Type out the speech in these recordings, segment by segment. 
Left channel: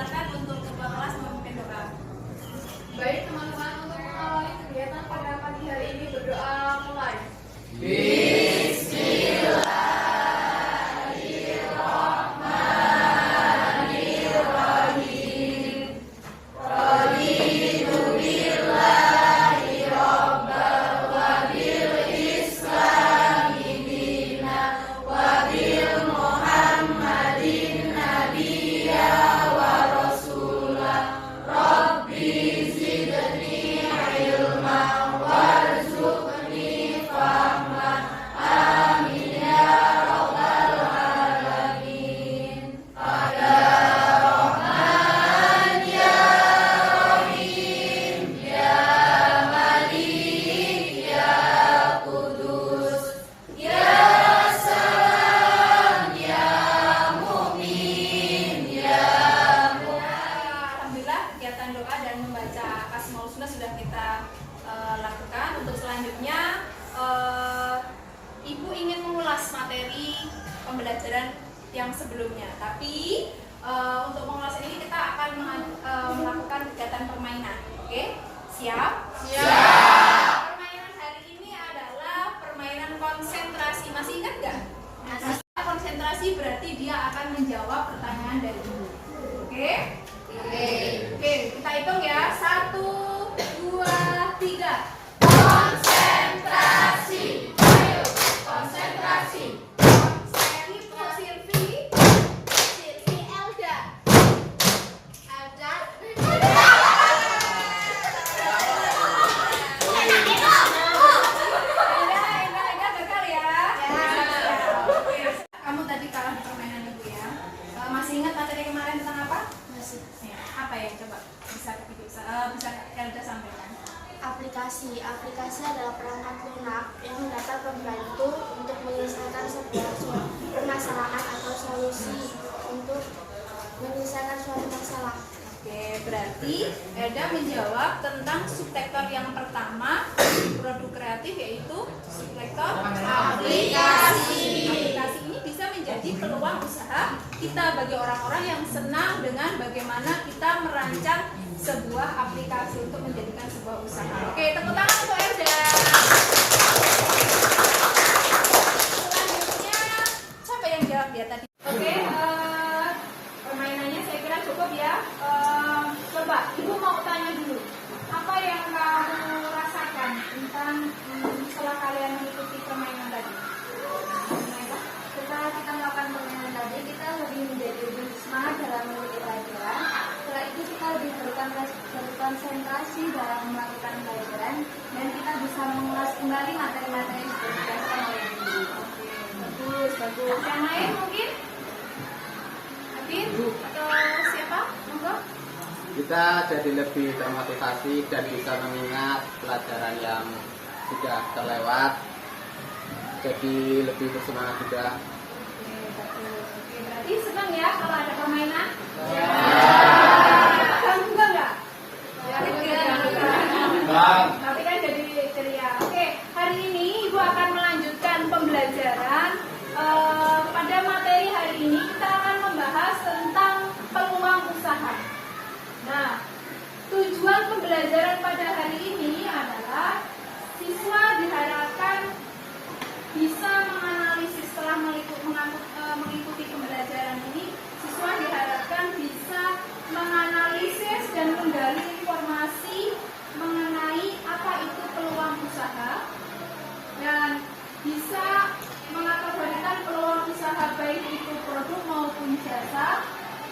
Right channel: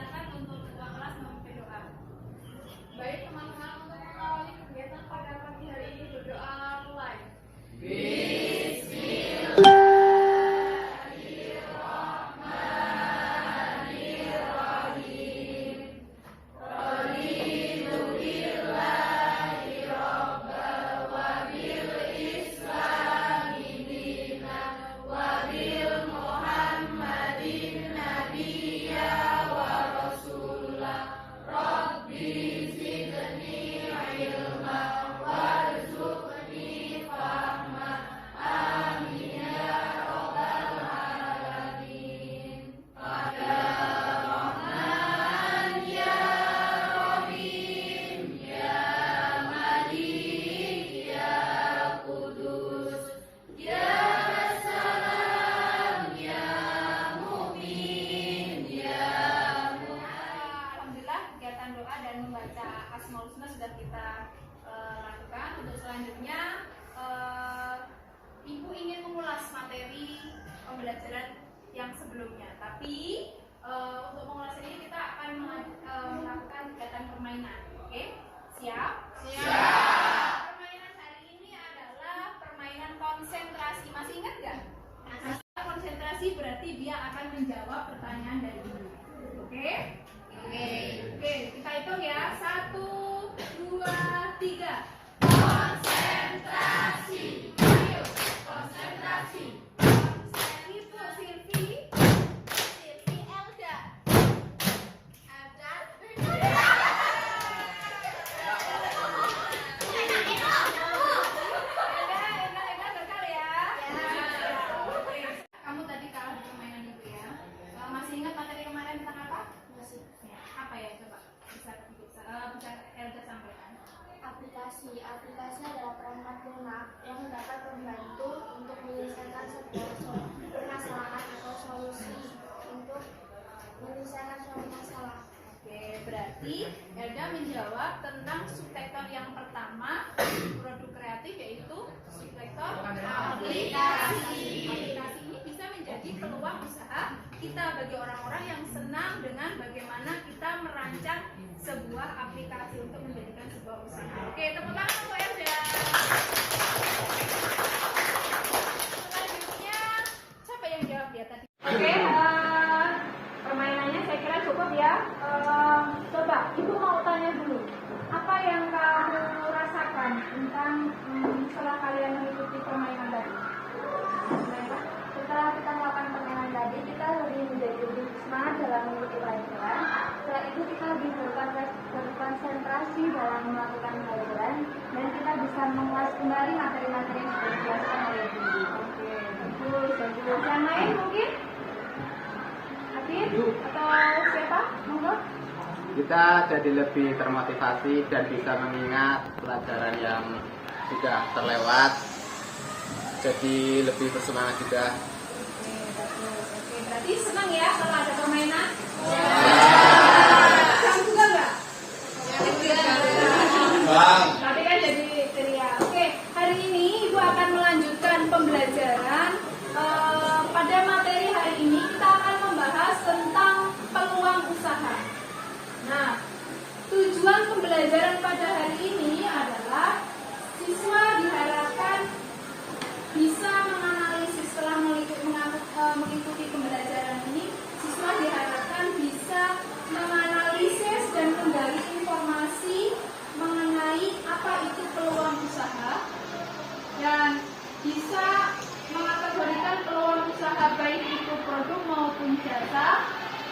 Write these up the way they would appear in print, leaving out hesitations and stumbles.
silakan untuk ketua kelas memimpin doa. Baik teman-teman, untuk mengawali kegiatan pada pagi hari ini berdoa mulai. Doa dan membaca Asmaul Husna sudah kita lakukan. Untuk selanjutnya Ibu ingin mengulas materi pembelajaran yang sebelumnya, tapi untuk mengulas ini kita akan melakukan kegiatan permainan. Oke, siap? Siap. Permainan hari ini adalah permainan konsentrasi. Masih ingat nggak? Konsentrasi berarti dia akan menjawab pertanyaan dari Ibu. Oke? Oke, kita hitung ya. 1, 2, 3. Konsentrasi. Ayo, konsentrasi. Silvi Elda. Elda gagal ya. Kamu tadi kalah di permainan Ibu ya. Masih ingat materi kemarin tentang apa? Masih. Apa ya, coba bisa Elda sampaikan. Aplikasi adalah perangkat lunak yang dapat membantu untuk menyelesaikan sebuah permasalahan atau solusi untuk menyelesaikan suatu masalah. Oke, berarti Elda menjawab tentang subsektor yang pertama produk kreatif, yaitu subsektor aplikasi. Aplikasi ini bisa menjadi peluang usaha kita bagi orang-orang yang senang dengan bagaimana kita merancang sebuah aplikasi untuk menjadikan sebuah usaha. Oke, tepuk tangan untuk Elda. Selanjutnya, siapa yang jawab ya tadi? Oke, permainannya saya kira cukup ya. Coba, Ibu mau tanya dulu. Apa yang kamu rasakan tentang setelah kalian mengikuti permainan tadi? Setelah kita melakukan permainan tadi, kita lebih semangat dalam mengikuti pelajaran. Setelah itu kita lebih berkonsentrasi dalam melakukan pelajaran dan kita bisa mengulas kembali materi-materi yang sudah dijelaskan oleh guru. Oke, bagus. Yang lain mungkin? Habib atau siapa? Monggo. Kita jadi lebih termotivasi dan bisa mengingat pelajaran yang sudah terlewat, jadi lebih bersemangat juga. Oke, berarti senang ya kalau ada permainan? Ya. Kamu juga enggak? Tapi kan jadi ceria. Oke, hari ini Ibu akan melanjutkan pembelajaran. Pada materi hari ini kita akan membahas tentang peluang usaha. Nah, tujuan pembelajaran pada hari ini adalah siswa diharapkan bisa menganalisis. Setelah mengikuti pembelajaran ini, siswa diharapkan bisa menganalisis dan menggali informasi mengenai apa itu peluang usaha dan bisa mengkategorikan peluang usaha baik itu produk maupun jasa,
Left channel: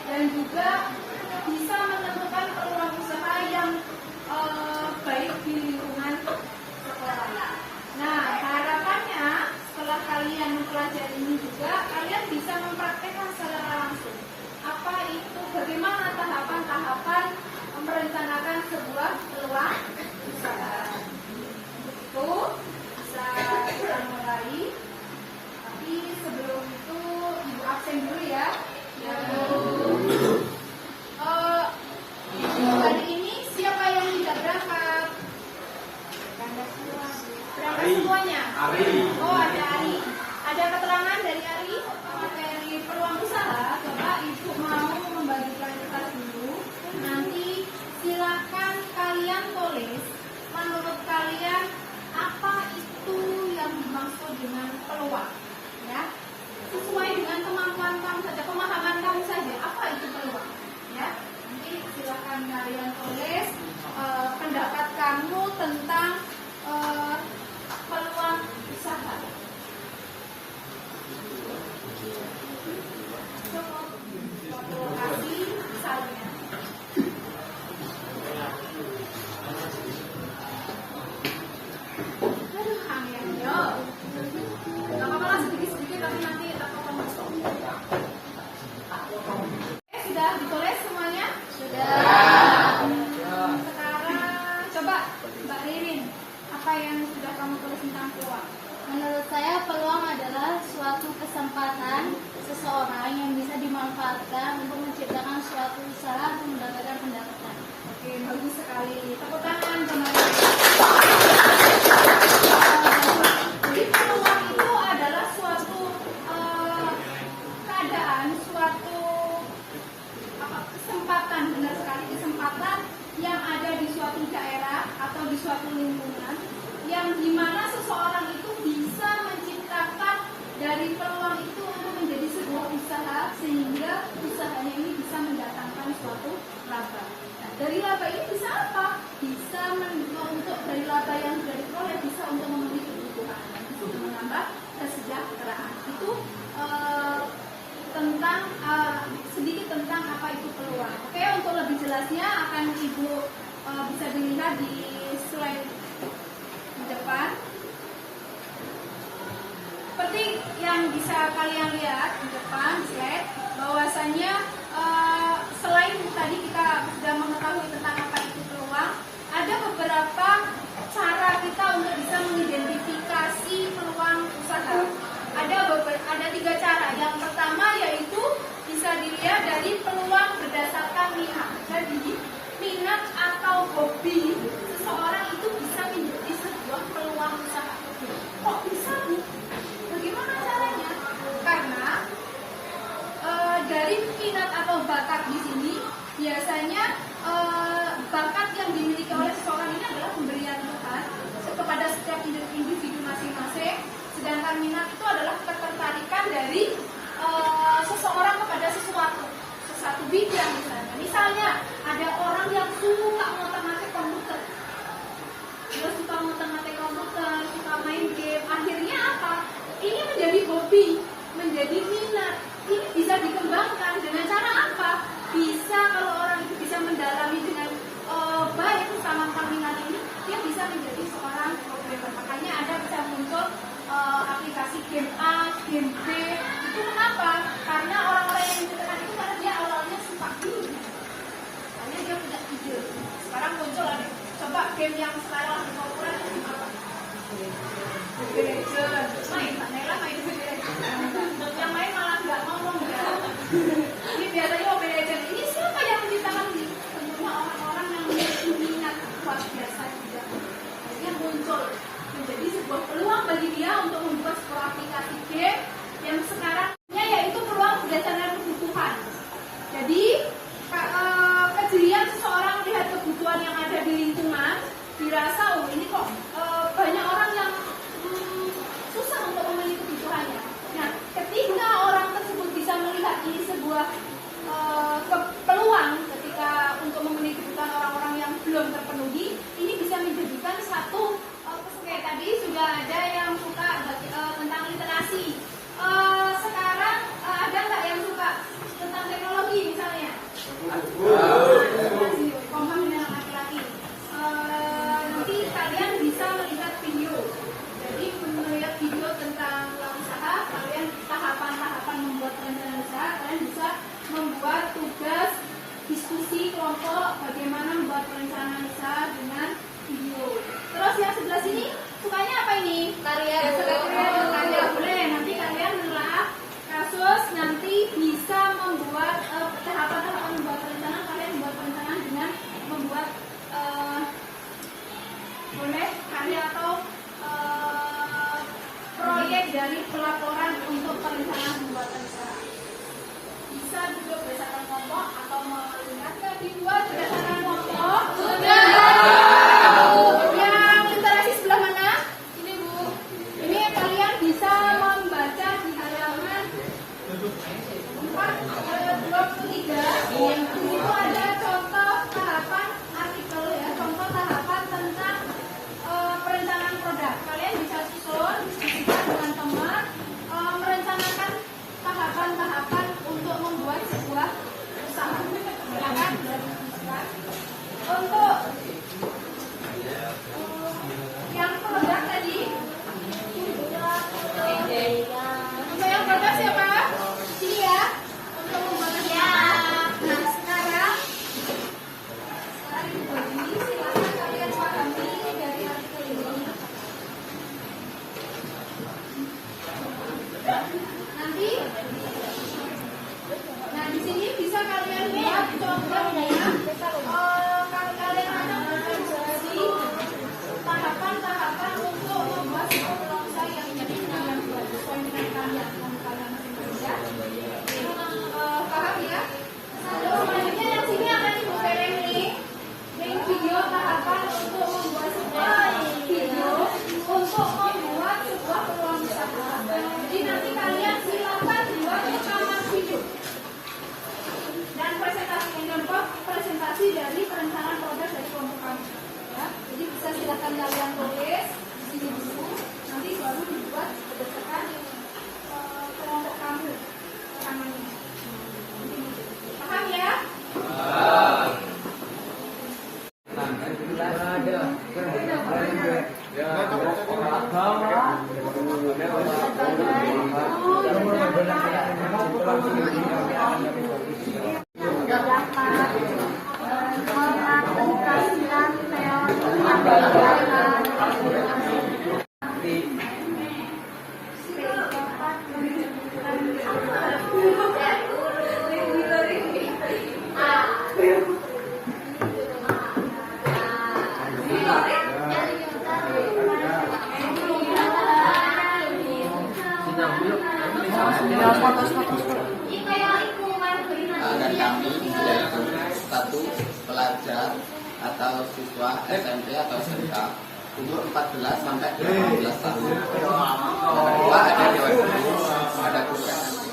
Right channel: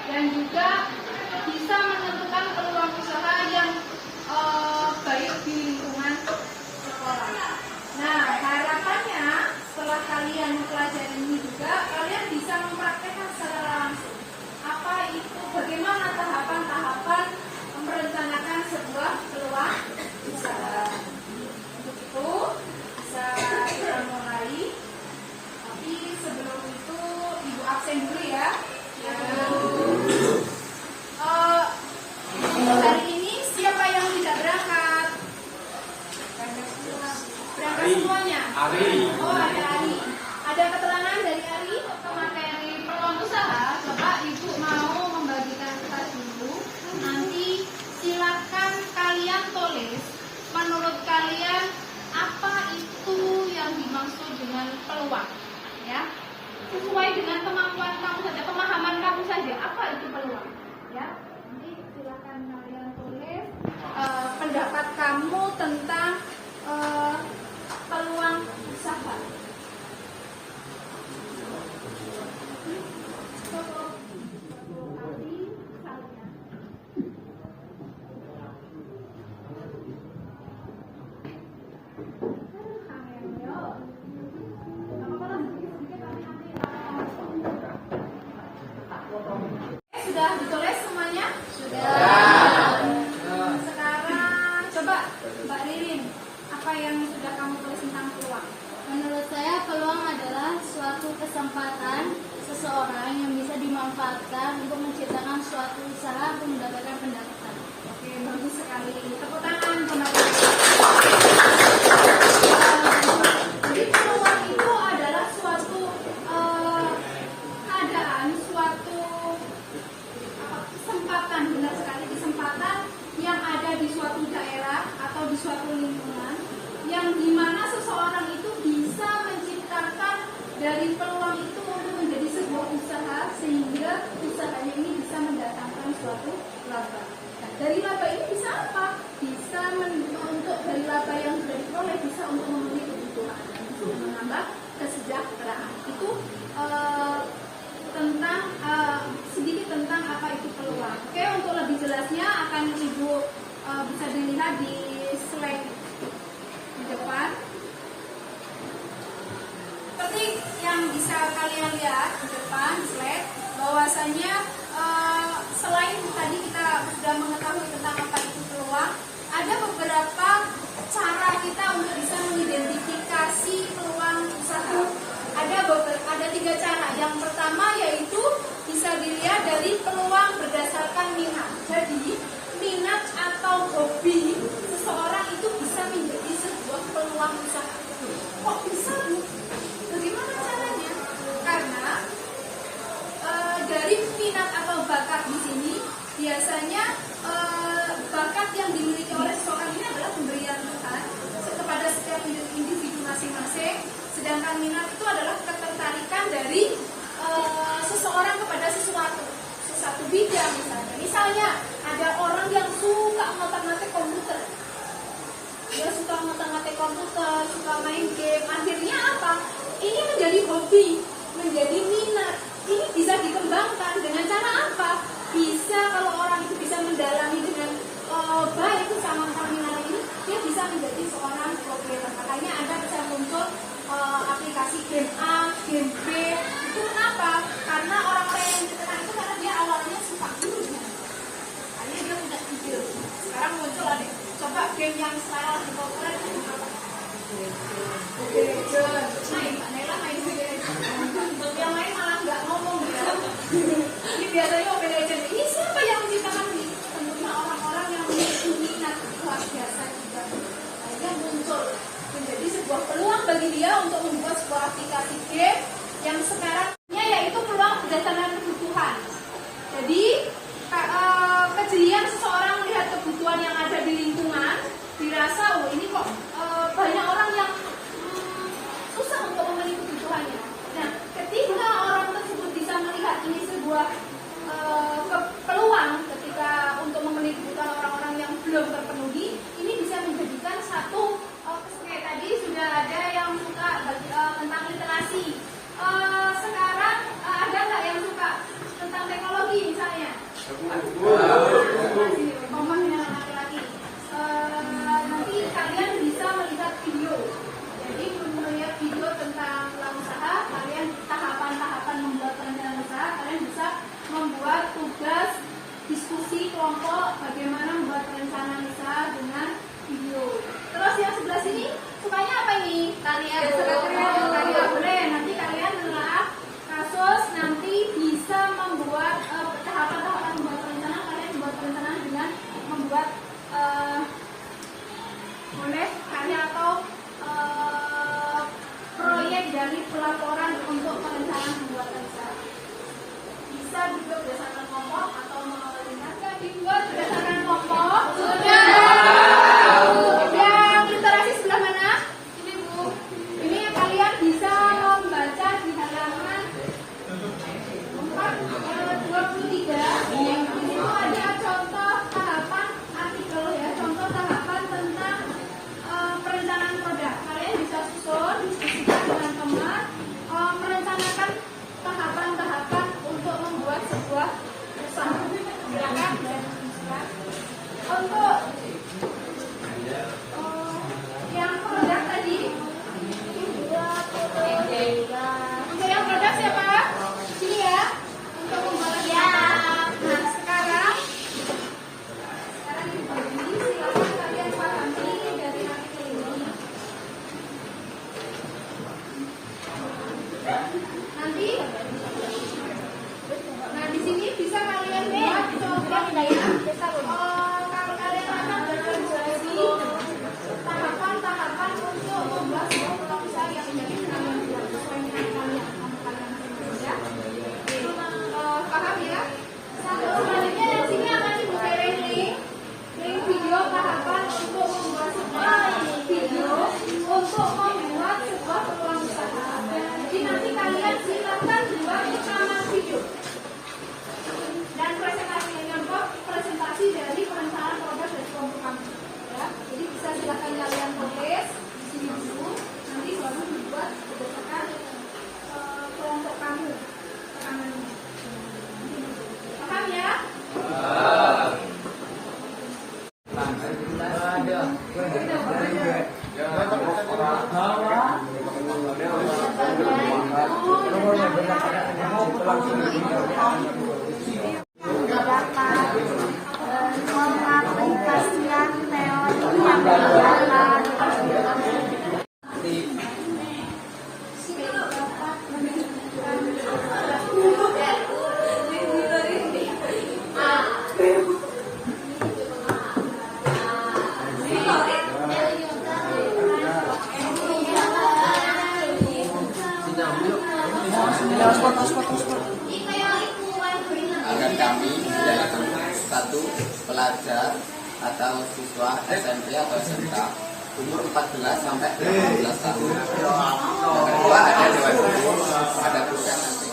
dan juga bisa menentukan peluang usaha yang baik di lingkungan sekolah. Nah, harapannya setelah kalian mempelajari ini juga kalian bisa mempraktekkan secara langsung apa itu, bagaimana tahapan-tahapan merencanakan sebuah peluang usaha. Untuk itu bisa kita mulai, tapi sebelum itu Ibu absen dulu ya. Hari ini siapa yang tidak berangkat? Berangkat semuanya? Oh, ada Ari. Ada keterangan dari Ari materi peluang orang yang bisa dimanfaatkan untuk menciptakan suatu usaha untuk mendapatkan pendapatan. Oke, bagus sekali. Tepuk tangan kembali. Jadi peluang itu adalah suatu keadaan, suatu kesempatan, benar sekali, kesempatan yang ada di suatu daerah atau di suatu lingkungan yang dimana seseorang itu bisa menciptakan dari peluang itu untuk menjadi sebuah usaha sehingga usahanya ini bisa mendatangkan suatu laba. Nah, dari laba ini bisa apa? Bisa untuk dari laba yang sudah diperoleh bisa untuk memenuhi kebutuhan, bisa menambah kesejahteraan. Itu tentang sedikit tentang apa itu peluang. Oke, untuk lebih jelasnya akan Ibu bisa dilihat di slide di depan. Seperti yang bisa kalian lihat di depan slide, bahwasannya selain tadi kita sudah mengetahui tentang apa itu peluang, ada beberapa cara kita untuk bisa mengidentifikasi peluang usaha. Ada 3 cara. Yang pertama yaitu bisa dilihat dari peluang berdasarkan minat. Jadi minat atau hobi seseorang itu bisa menjadi sebuah peluang usaha. Kok bisa? Bagaimana caranya? Karena dari minat atau bakat di sini biasanya bakat yang dimiliki oleh seseorang ini adalah pemberian Tuhan kepada setiap individu masing-masing. Sedangkan minat itu adalah ketertarikan dari seseorang kepada sesuatu bidang misalnya. Misalnya ada orang yang suka ngotak-ngatik komputer, dia suka ngotak-ngatik komputer, suka main game. Akhirnya apa? Ini menjadi hobi, menjadi minat. Ini bisa dikembangkan dengan cara apa? Bisa kalau orang itu bisa mendalami dengan baik sama minat ini, dia bisa menjadi seorang programmer. Makanya ada bisa muncul aplikasi game A, game B. Itu kenapa? Karena orang-orang yang ditekan itu karena dia awalnya suka dulu. Akhirnya dia punya ide. Sekarang muncul lagi. Coba game yang sekarang populer itu apa? Mobile Legends. Main, Mbak Nela main Mobile Legends. Yang main malah nggak ngomong. Ini biasanya Mobile Legends. Ini siapa yang menciptakan ini? Tentunya orang-orang yang memiliki minat luar biasa. Akhirnya muncul menjadi sebuah peluang bagi dia untuk membuat sebuah aplikasi game yang sekarangnya yaitu peluang berdasarkan kebutuhan. Jadi kejelian seseorang melihat kebutuhan yang ada di lingkungan, dirasa oh ini kok banyak orang yang susah untuk memenuhi kebutuhannya. Nah, ketika orang tersebut bisa melihat ini sebuah peluang ketika untuk memenuhi kebutuhan orang-orang yang belum terpenuhi, ini bisa menjadikan satu kayak tadi sudah ada yang suka tentang literasi. Sekarang ada nggak yang suka tentang teknologi misalnya? Komponen laki-laki. Nanti kalian bisa melihat video. Jadi melihat video tentang usaha, kalian tahapan-tahapan membuat perencanaan usaha, kalian bisa membuat tugas diskusi kelompok bagaimana membuat perencanaan usaha dengan video. Terus yang sebelah sini sukanya apa ini? Karya. Boleh. Nanti kalian menelaah kasus, nanti bisa membuat tahapan-tahapan membuat perencanaan. Kalian membuat perencanaan dengan membuat boleh karya atau proyek dari pelaporan untuk perencanaan pembuatan usaha. Bisa juga berdasarkan kelompok atau menggunakan dibuat berdasarkan kelompok. Yang literasi sebelah mana? Ini Bu. Ini kalian bisa membaca di halaman 423. Di situ ada contoh tahapan artikel ya, contoh tahapan tentang perencanaan produk. Kalian bisa susun, diskusikan dengan teman, merencanakan tahapan-tahapan untuk membuat sebuah Pengaplikasian teori pendidikan. Dan kami yaitu satu pelajar atau siswa SMP atau SMK umur 14 sampai 18 tahun. Yang kedua ada dewan guru, ada guru yang nanti.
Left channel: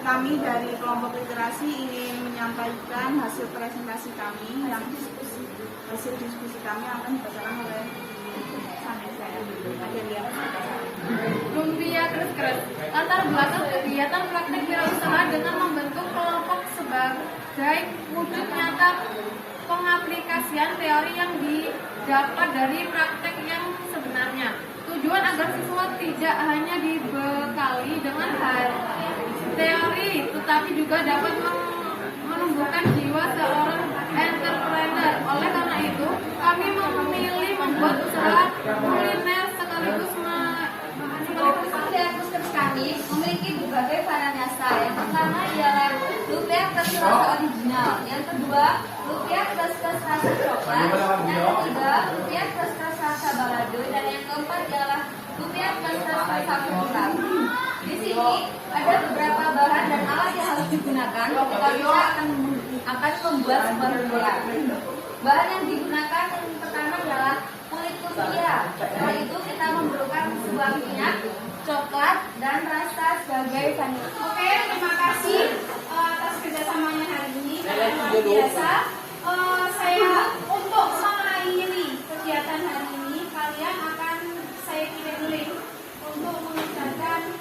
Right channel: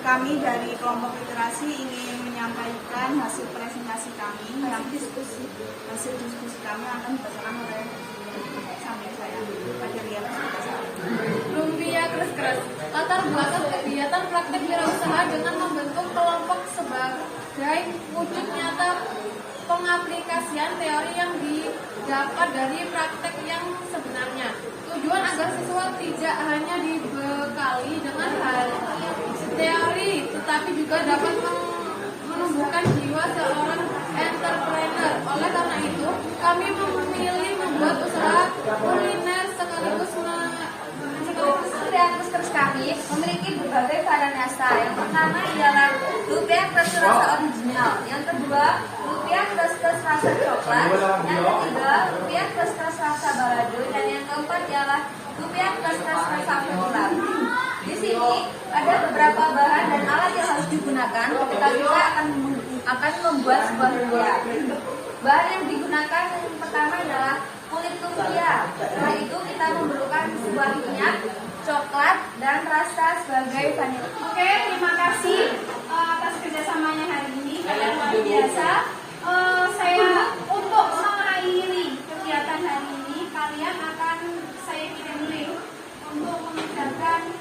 Kami dari kelompok literasi ingin menyampaikan hasil presentasi kami yang hasil diskusi kami akan dibacakan oleh samping saya. Pada lihat Lumpia keras-keras. Latar belakang kegiatan praktik wirausaha dengan membentuk kelompok sebagai wujud nyata pengaplikasian teori yang didapat dari praktek yang sebenarnya. Tujuan agar siswa tidak hanya dibekali dengan hal teori, tetapi juga dapat menumbuhkan jiwa seorang entrepreneur. Oleh karena itu, kami memilih membuat usaha kuliner sekaligus Terus kami memiliki berbagai varian rasa. Yang pertama ialah lumpia plus rasa original. Yang kedua, lumpia plus rasa coklat. Yang ketiga, lumpia plus rasa balado. Dan yang keempat ialah lumpia plus rasa pulang. Di sini ada beberapa bahan dan alat yang harus digunakan ketika kita akan membuat sebuah lumpia. Bahan yang digunakan yang pertama adalah kulit lumpia. Setelah itu kita memerlukan sebuah minyak, coklat, dan rasa sebagai vanila. Oke, terima kasih atas kerjasamanya hari ini. Luar biasa. Saya untuk mengakhiri kegiatan hari ini, kalian akan saya pilih untuk mengerjakan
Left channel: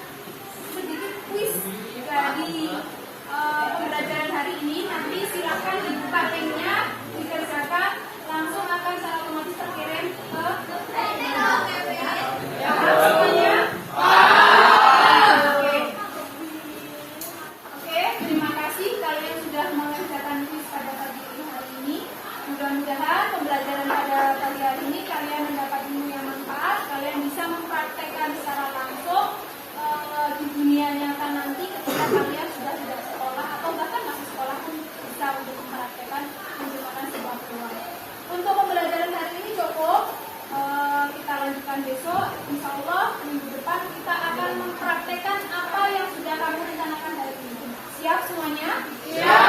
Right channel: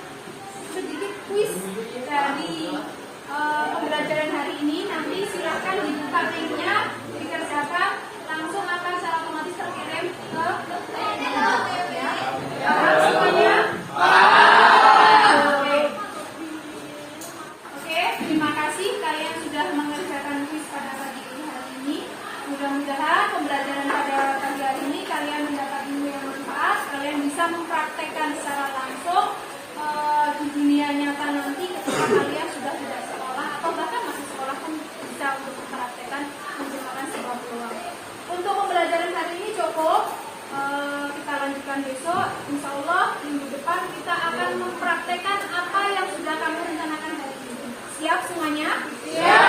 sedikit kuis dari pembelajaran hari ini. Nanti silakan dibuka linknya, dikerjakan, langsung akan secara otomatis terkirim ke semuanya. Oke, terima kasih kalian sudah mengerjakan kuis pada pagi hari ini. Mudah-mudahan pembelajaran pada pagi hari ini kalian mendapat ilmu yang manfaat. Kalian bisa mempraktekkan secara langsung di dunia nyata nanti ketika kalian sudah tidak sekolah atau bahkan masih sekolah pun bisa untuk mempraktekkan menggunakan sebuah peluang. Untuk pembelajaran hari ini cukup. Kita lanjutkan besok. Insya Allah minggu depan kita akan mempraktekkan apa yang sudah kami rencanakan hari ini. Siap semuanya? Siap.